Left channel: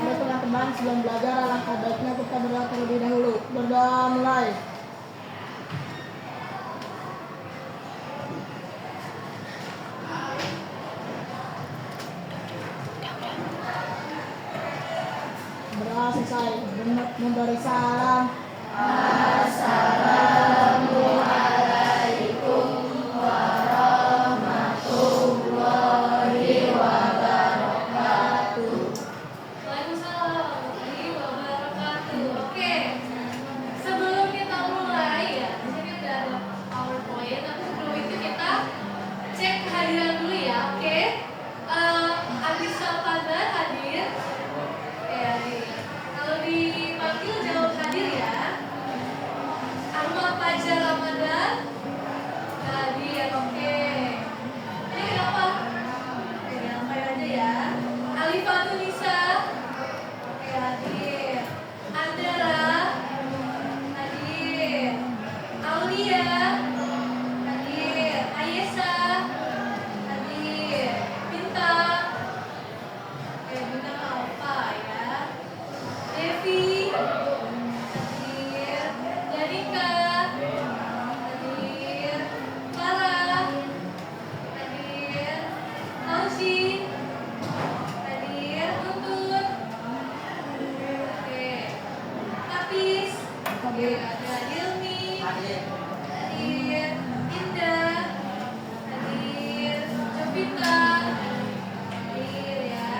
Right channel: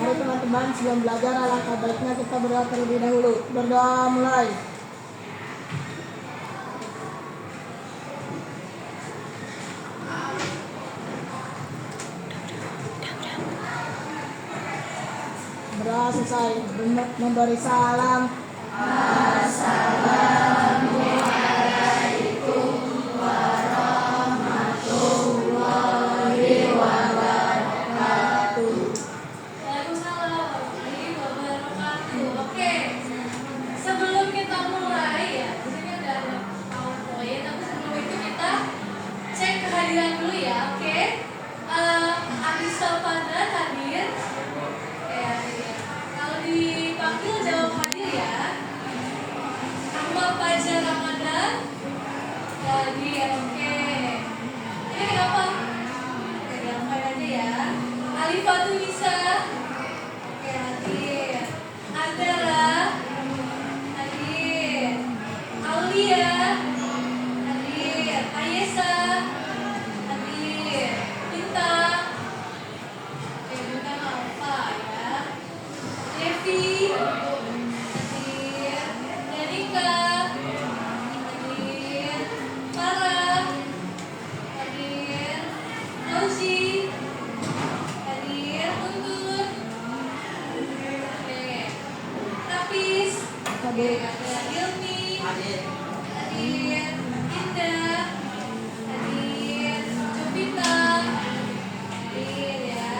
Mari teman-teman, sebelum belajar alangkah baiknya kita berdoa terlebih dahulu. Berdoa mulai. Berdoa selesai, memberi salam. Assalamualaikum warahmatullahi wabarakatuh. Waalaikumsalam warahmatullahi wabarakatuh. Oke, sebelum kita mulai ya, di sini udah ada PowerPoint. Tapi sebelum itu kita cek kehadiran dulu ya. Oke, Adis Salvador hadir. Oke, kalau dipanggil jawab hadir ya. Ahmad Fajar Ramadan hadir. Oke, ini apa? Oke, damai aja ya. Alifatu Nisa oke hadir. Andara hadir. Aulia hadir. Ayesa hadir. Bintang oke, Bintang Alfa ya. Devi hadir. Danika hadir. Farah hadir. Ausi hadir. Guntur oke. Tapis Hadir. Hilmi hadir. Indah hadir. Jovita hadir ya.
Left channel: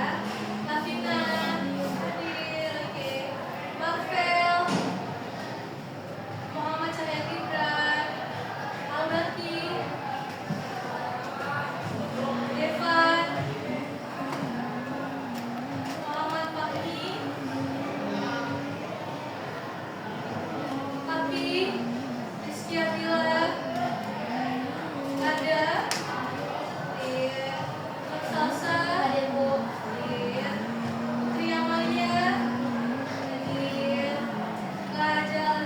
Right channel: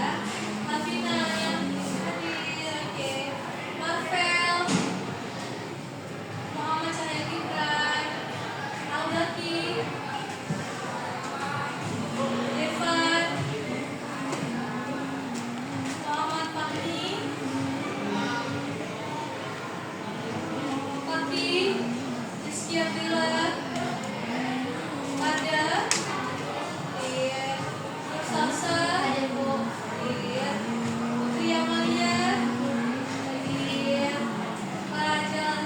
Lavina hadir. Oke. Marvel Muhammad Cahaya Gibran Audaki Irfan Muhammad Fahmi Tapi Rizky Abdillah Ada hadir. Salsa hadir. Putri Amalia hadir. Lajal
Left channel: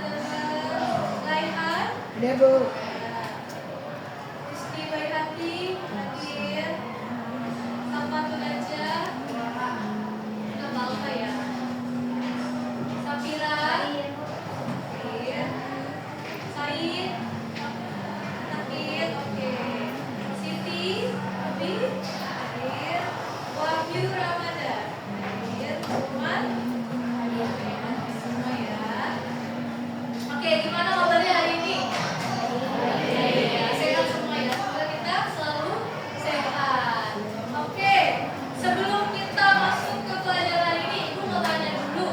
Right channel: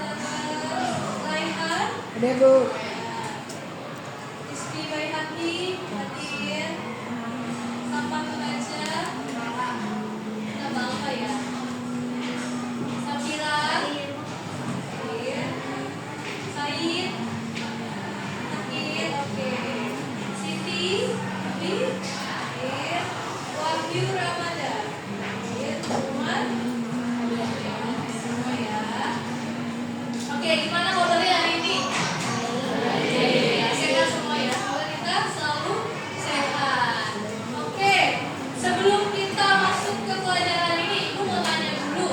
Laihan Hadir, Bu. Rizky Baihaqi hadir. Sapa Pengaja nama apa ya? Sapira hadir. Said hadir. Oke. Siti hadir. Wahyu Ramadan hadir. Umar semua ya. Oke, gimana kabarnya hari ini? Sehat semua ya. Semoga kita selalu sehat. Oke, sebelum kita masuk ke pelajaran ini, Ibu mau tanya dulu.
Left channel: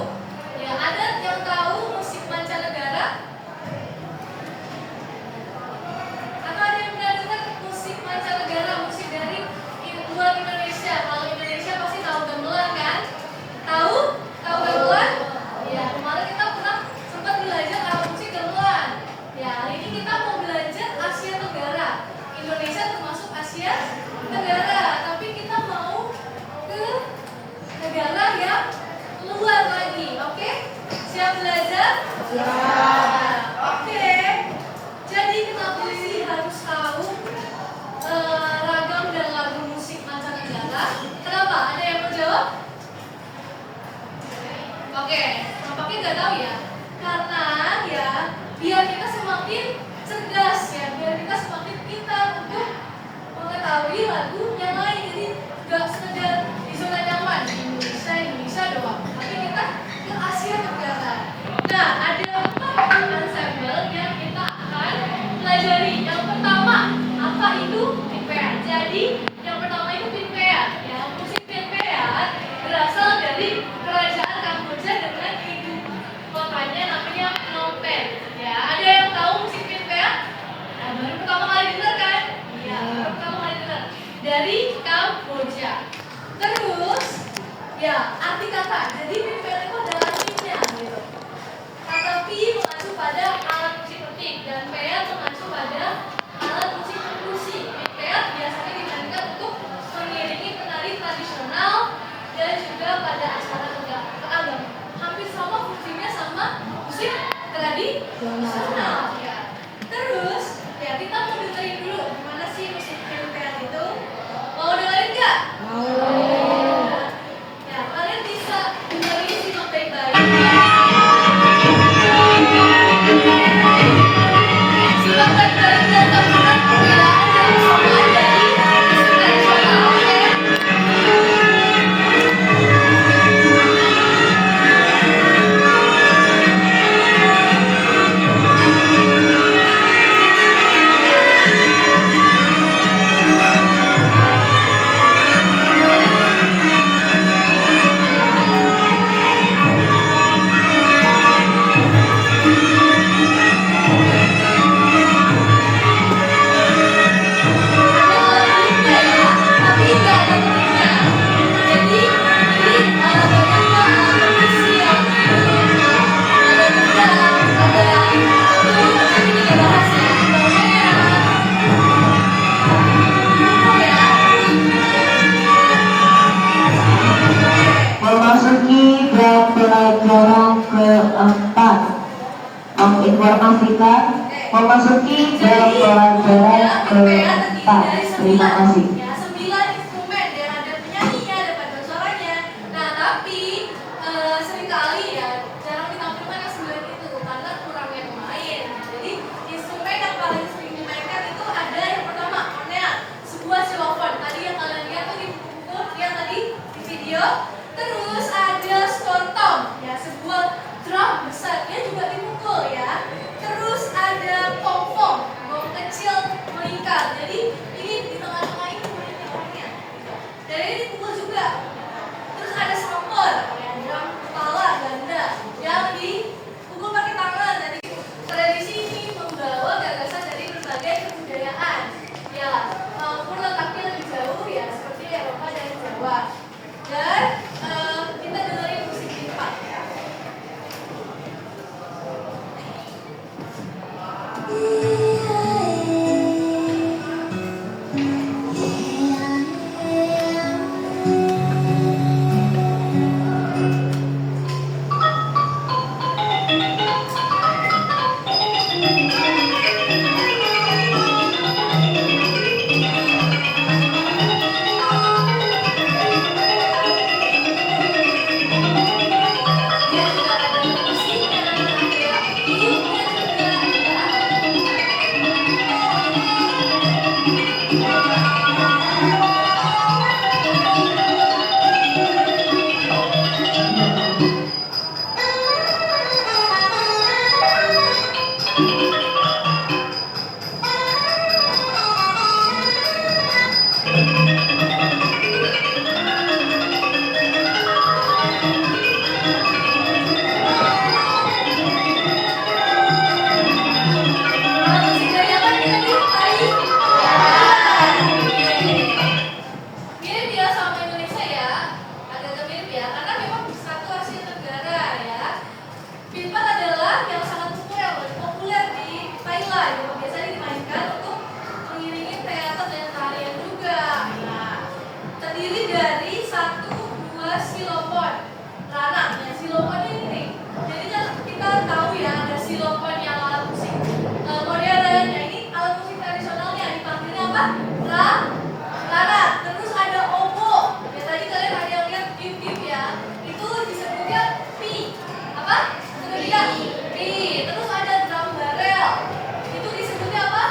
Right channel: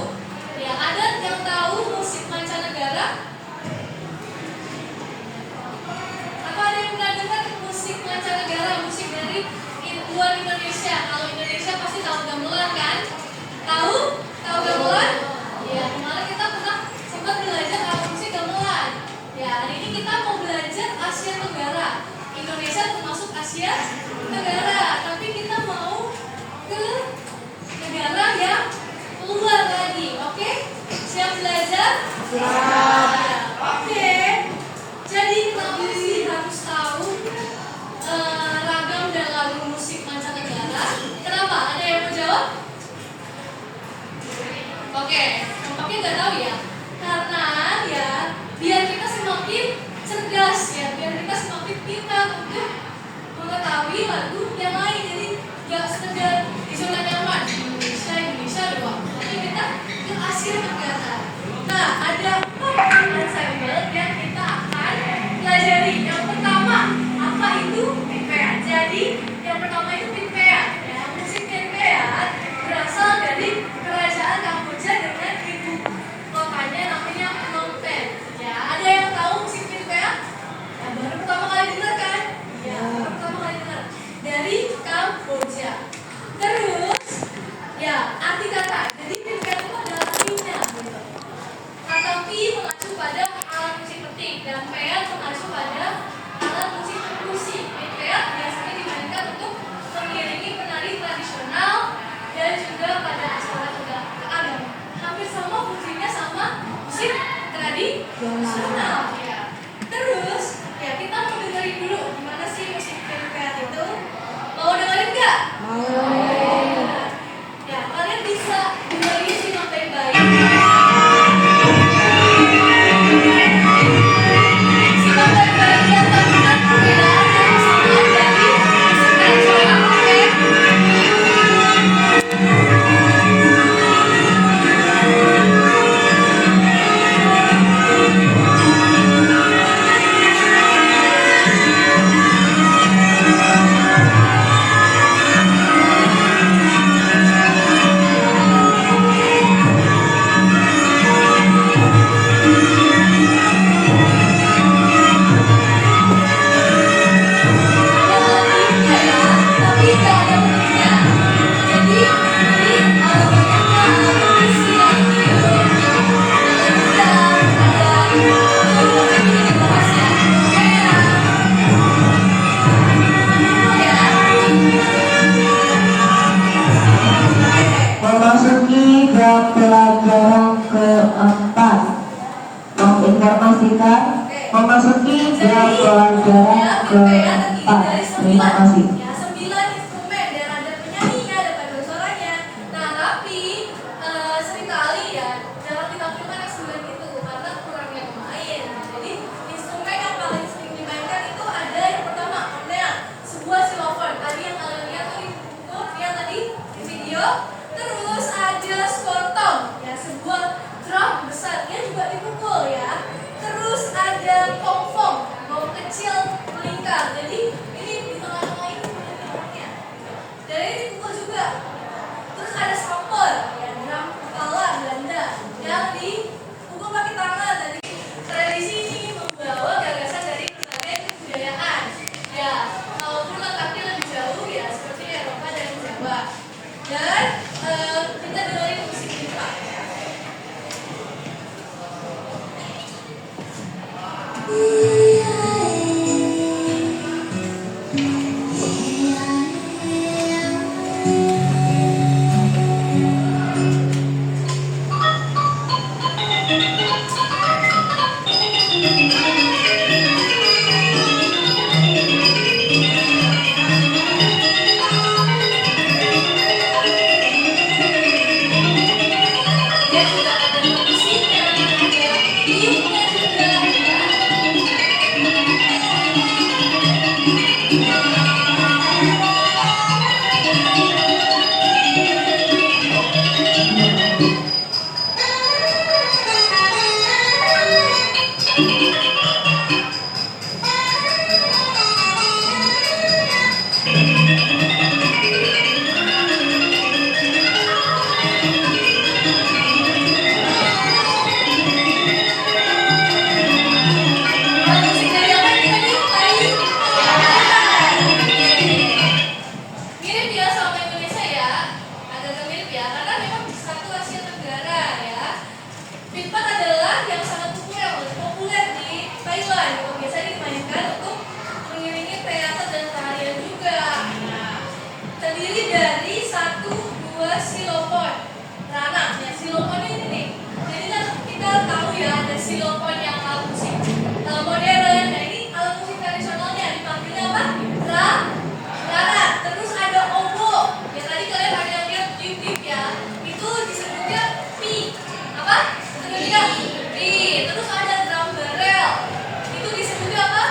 Ya, ada yang tahu musik mancanegara? Atau ada yang pernah dengar musik mancanegara, musik dari luar Indonesia? Kalau Indonesia pasti tahu gamelan kan? Tahu? Tahu gamelan? Ya, kemarin kita pernah sempat belajar apa musik gamelan. Ya, hari ini kita mau belajar Asia Tenggara. Indonesia termasuk Asia Tenggara, tapi kita mau ke negara yang luar lagi. Oke? Siap belajar? Siap. Oke. Jadi kita pasti harus tahu ragam dan lagu musik mancanegara. Kenapa? Ada yang mau jawab? Oke, nampaknya nggak tahu ya. Karena ya, biar kita semakin cerdas ya, biar kita semakin pintar untuk mengetahui lagu yang lain. Jadi nggak sekedar di zona nyaman Indonesia doang, tapi kita ke Asia Tenggara. Nah, ada 4 ensemble yang kita akan pelajari. Yang pertama, apa itu pinpeat? Jadi yang pertama itu pinpeat. Ya, musik pinpeat berasal dari kerajaan Kamboja dengan ibu kotanya namanya Phnom Penh. Ya, ada yang tahu musik pinpeat? Nah, baru pertama kali dengar kan? Ya, baru pertama kali dengar dari Kamboja. Terus, ya arti kata. Jadi pinpeat itu ada artinya. Gitu. Kata pi mengacu pada alat musik petik dan peat mengacu pada alat musik perkusi. Pinpeat biasanya dimainkan untuk mengiringi penari tradisional dan juga pada acara keagamaan. Hampir sama fungsinya sama musik tradisional. Ya. Terus, ya kita mau dengerin dulu gimana sih musik pinpeat itu. Mau dengerin nggak? Mau. Ya, kalian bisa dengerin pelajaran keempat, menginformasikan memasuki jam pelajaran keempat. Terima kasih. Ya, 9 instrumen dan ada penyanyinya, ada paduan suaranya. Nah, tapi seringkali ya jarang ditampilkan yang 9 itu karena kurangnya pemain. Jadi instrumen yang paling sering dimainkan itu ada yang pertama, kornea, sebuah xylophone. Tadi yang kalian lihat tuh di buku, yang tadi di video. Terus ada slontong, ya sebuah drum besar, dia juga dipukul ya. Terus ada pongpong, gong kecil melingkar. Jadi ini di tengah-tengah ini punya tiangnya. Jadi ini dipukul juga. Terus ada sampor, ya drum kepala ganda yang dipukul pakai tangan. Jadi tradisi ini membawa gagasan dari berbagai kebudayaan. Ya, walaupun letaknya lebih jauh ya seperti Eropa dan Jawa. Dan kita dengerin musik ini Pak. Dia juga ada musiknya, ada tiupnya juga ya. Kalau musik dari apa ini tadi? Mirip ya sama Indonesia ya, agak-agak mirip ya, karena memang satu Asia Tenggara ya. Pipat adalah yang sangat populer di Thailand, yang biasanya dimainkan untuk mengiringi teater dan tarian juga. Nah, terdiri dari 1-2 xylophone, ranang. Nah, xylophone ini nih. Jadi kan kita tahu ya ada xylophone yang alat musik modern. Nah ini alat musik tradisionalnya dipanggil apa? Drum, ranang. Terus ada oboe. Ya tadi kalian ada yang lihat tip ya. Itu disebutnya pi. Apa? Terlihat pi. Terus ada drum barrel. Itu disebutnya apa?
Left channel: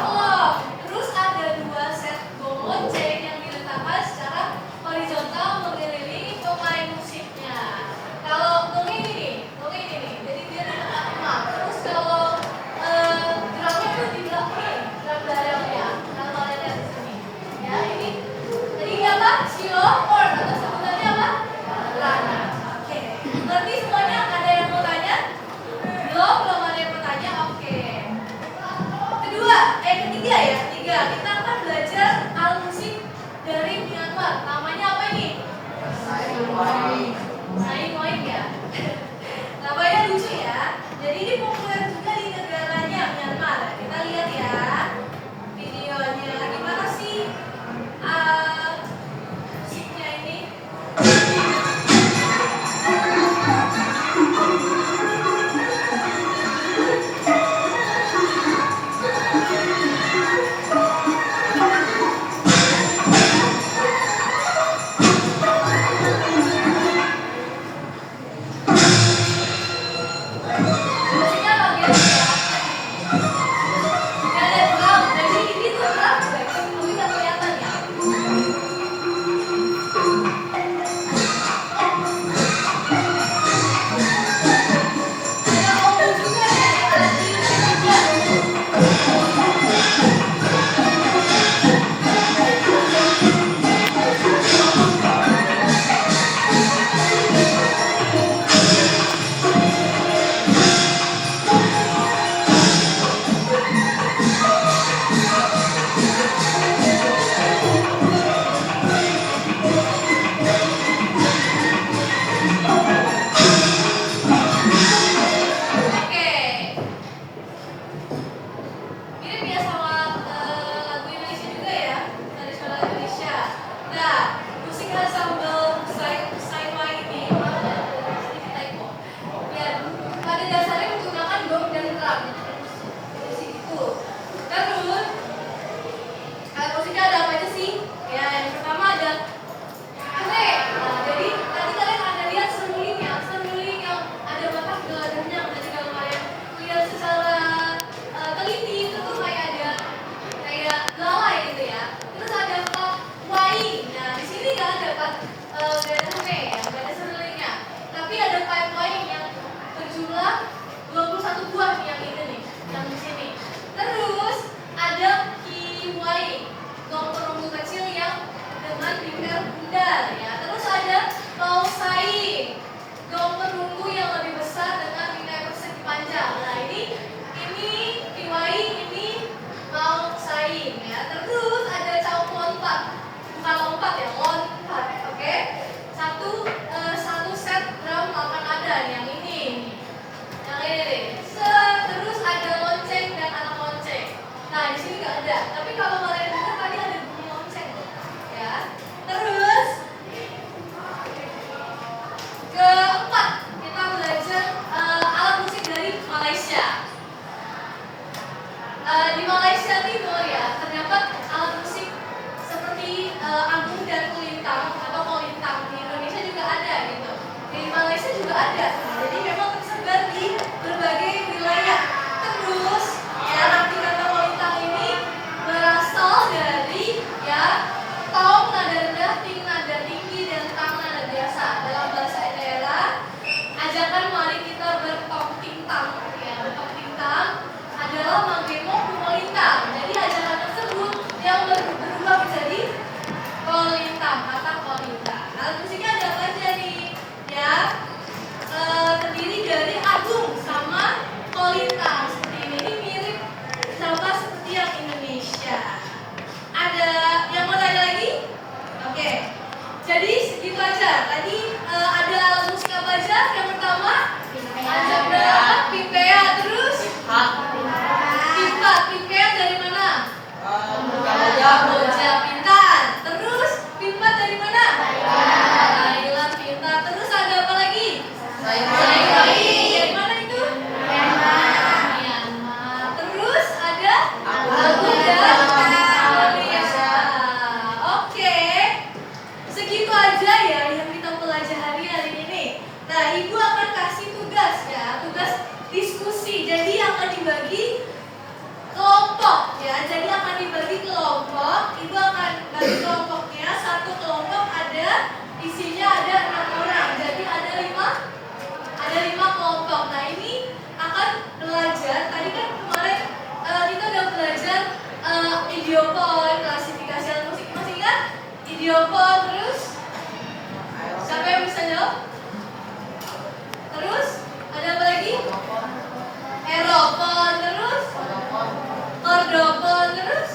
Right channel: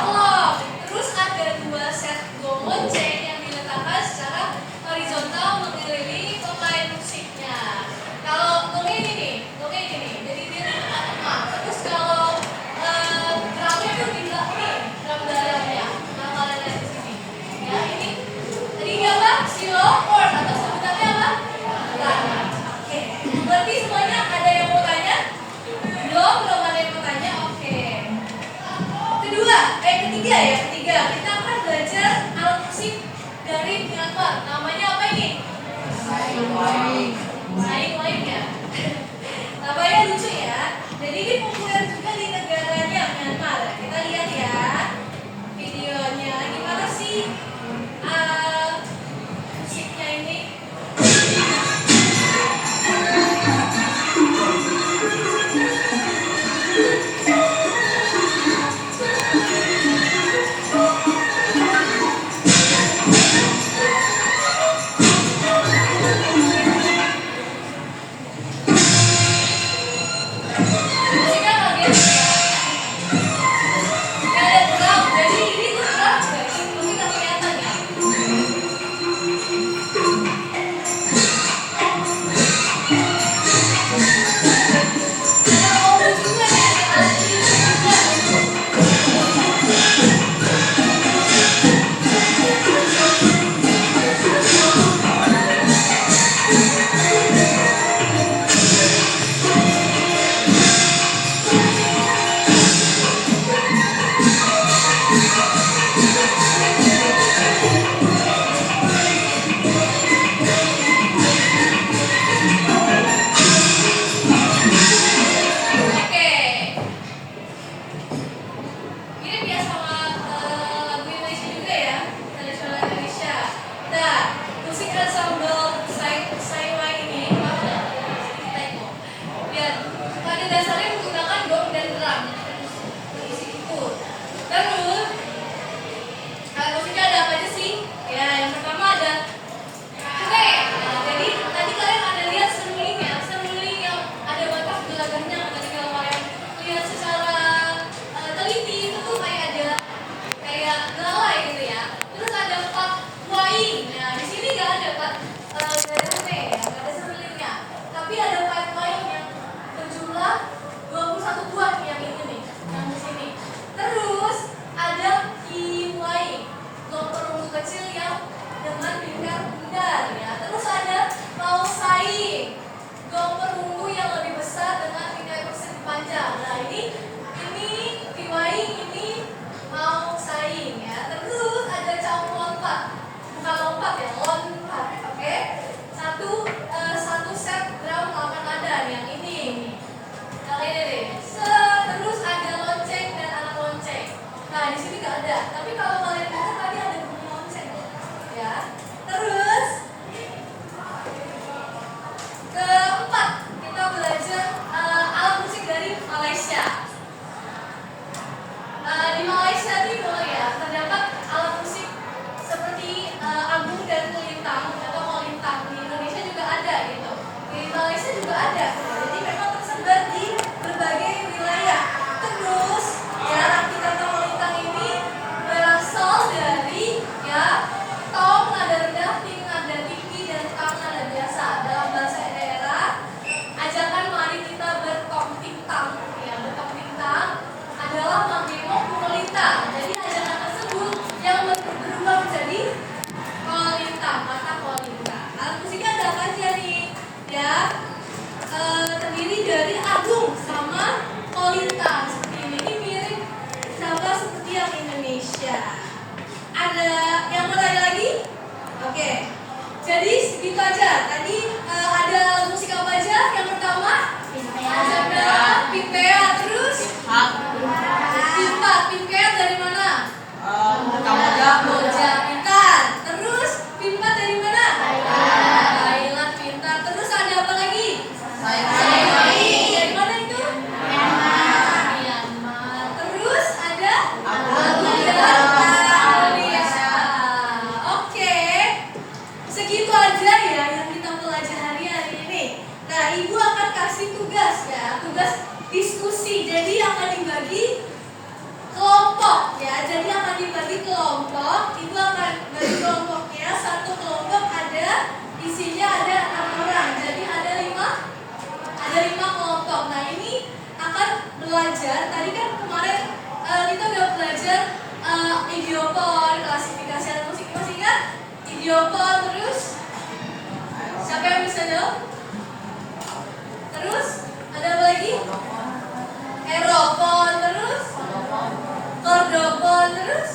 Klok. Terus ada 2 set gong lonceng yang diletakkan secara horizontal mengelilingi pemain musiknya. Kalau gongnya ini nih, jadi dia di tengah-tengah. Terus kalau drumnya tuh di belakang, drum barrelnya. Nah kalian lihat di sini. Ya ini, tadi dia apa? Xylophone atau sebutannya apa? Ranang. Oke. Berarti semuanya ada yang mau tanya? Belum ada yang mau tanya. Oke. Ketiga, kita akan belajar alat musik dari Myanmar. Namanya apa ini? Saing ya. Namanya lucu ya. Jadi ini populer juga di negaranya Myanmar. Kita lihat ya videonya. Gimana sih musiknya ini? Musiknya bagus ya. Gak ada drum. Jadi ini tuh drum guys, tapi gak kelihatan ya. Ada oboe juga ya. Ada juga. atau perunggu yang lebih besar dengan bingkai persegi panjang. Nah ini piwai, ini mau saing ya. Terus ada cauk lompat, bukan lompat ya, lompat. Oke, satu set drum 8 nada yang ini. Yang ini deh. Terus ada lonceng dan anak lonceng. Nah di sini nggak ada. Tapi kalau kalian dengar tadi ada bunyi lonceng, ya. Terus keempat kita belajar alat musik dari Malaysia. Di Malaysia Timur ya terdapat alat musik seperti agung dan kulintang atau kolintang. Di Indonesia juga ada gitu. Di Malaysia juga ada. Jadi memang tersebar di berbagai wilayah. Terus ya arti kata kolintang ini berasal dari ya tong nada rendah, ting nada tinggi dan tang nada biasa. Dalam bahasa daerah ajakan mari kita bertong tintang ya, bertong tintang adalah magemo kumolintang. Jadi ajakan tersebut yang berubah menjadi kolintang, kata kolintang. Alat musiknya ada apa aja nih? Ya, terdiri dari agung sama kolintang. Seperti ini mirip sama seperti yang Indonesia. Ada yang mau tanya lagi? Oke. Jadi segitu aja. Tadi ada alat musik apa aja? Yang pertama ada pipea, terus pimpet dari mana? Kamboja, pintar. Terus pimpat dari mana? Thailand, pintar. Terus ada apa lagi? Dari mana itu? Myanmar. Terus ada Malaysia. Oke. Segitu aja ya yang kita pelajari hari ini. Nah, Ibu akan kasih tugas ya, tugas diskusi. Jadi akan dibagi kelompok ya. Jadi akan dibagi kelompok. Ibu akan bagi kelompoknya. Satu kelompok isinya ada 6 orang. Jadi ada 5 kelompok. Nah, ini akan belajar. Tadi kan kemarin kita udah belajar idiopon, klasifikasi alat musik. Masih ingat? Idiopon, terus siapa yang bisa jawab? Terus ada apa lagi? Aeropon, terus kordopon, terus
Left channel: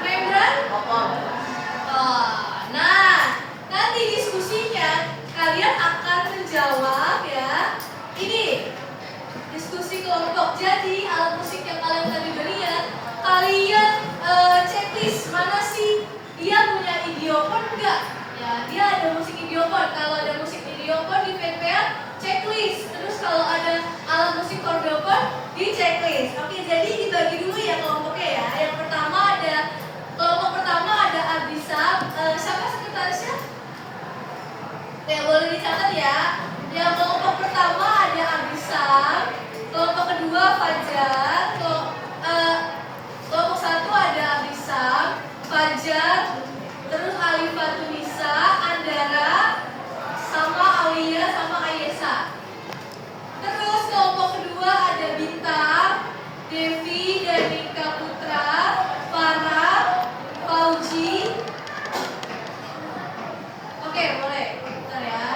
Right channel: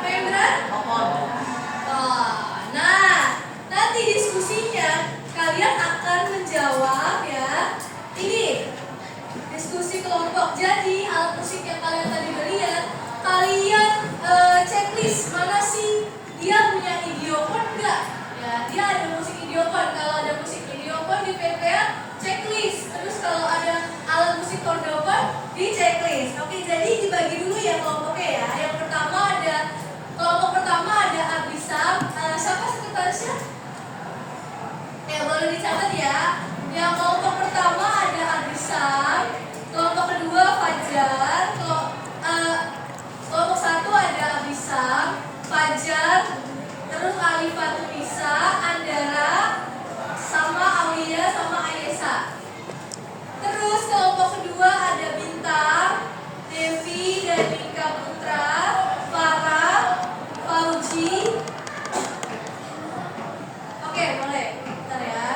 membran. Nah, nanti diskusinya kalian akan menjawab ya. Ini diskusi kelompok. Jadi alat musik yang kalian tadi udah lihat, kalian checklist mana sih dia punya idiopon enggak? Ya, dia ada musik idiopon. Kalau ada musik idiopon di PPA, checklist. Terus kalau ada alat musik kordopon, di checklist. Oke, jadi dibagi dulu ya kelompoknya ya. Yang pertama ada kelompok pertama ada Abisab. Siapa sekretarisnya? Ya boleh dicatat ya. Yang kelompok pertama ada Abisab. Kelompok kedua Fajar. Kelompok satu ada Abisab, Fajar, terus Alifatunisa, Andara, sama Aulia, sama Ayesa. Terus kelompok kedua ada Bintang, Devi, Danika Putra, Farah, Fauji. Oke, boleh. Bentar ya.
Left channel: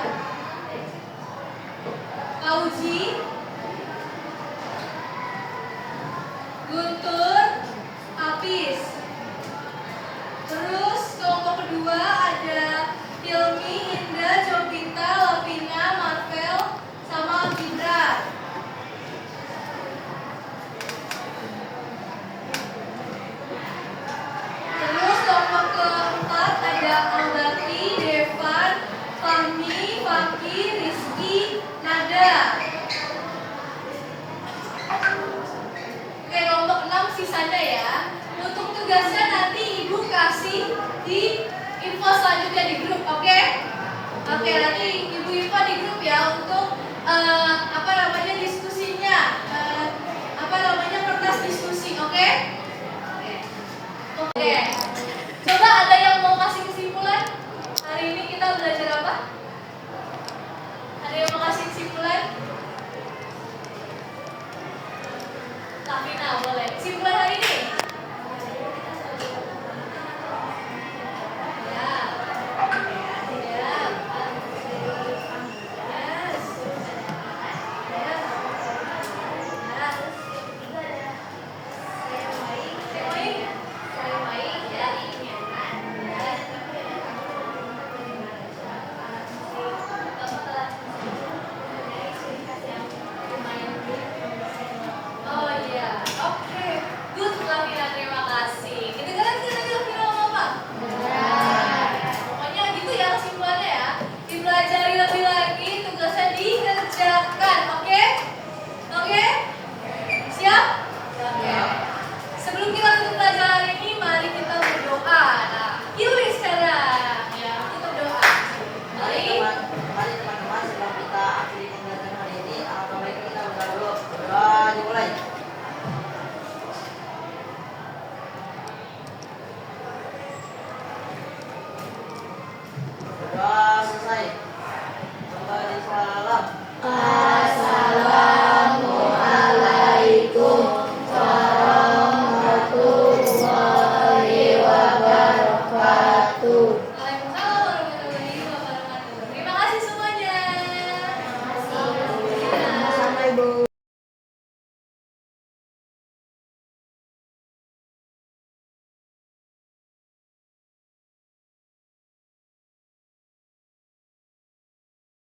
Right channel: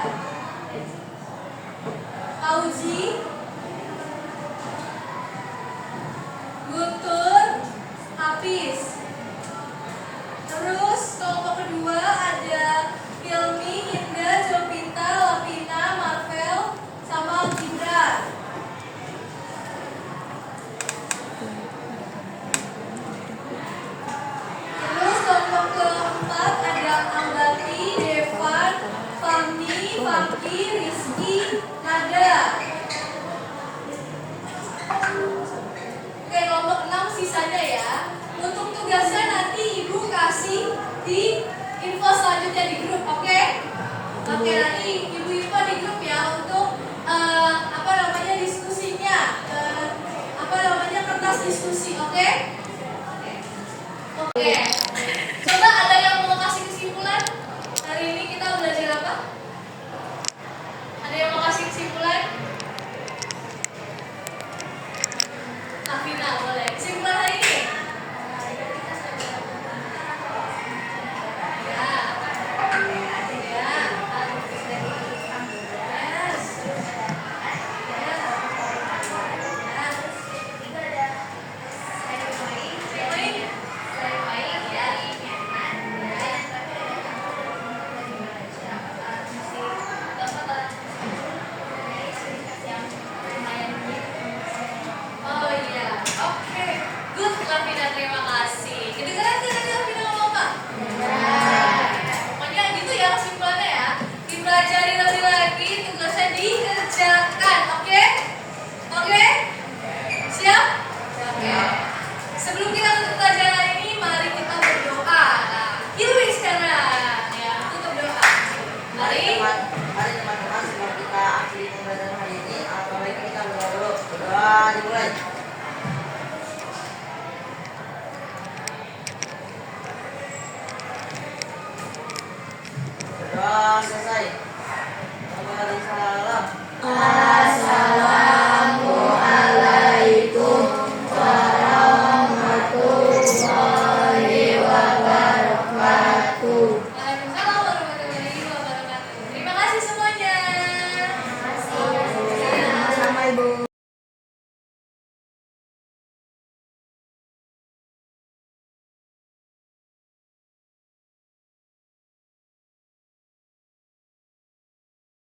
Fauji, Guntur, Hafiz. Terus kelompok kedua ada Hilmi, Indah, Jovita, Lavina, Marvel, sama Cindra. Terus kelompok keempat ada Ambati, Devan, Fahmi, Fakki, Rizky, Nada. Oke, kelompok 6 sisanya ya. Untuk tugasnya nanti Ibu kasih di info selanjutnya di grup, oke? Oke, nanti Ibu info di grup ya untuk diskusinya, kertas diskusi, oke? Oke. Coba ada yang mau kasih kesimpulan? Hari ini kita belajar apa? Ada yang mau kasih kesimpulan? Lavina, boleh. Kesimpulan hari ini? Ya. Ibu.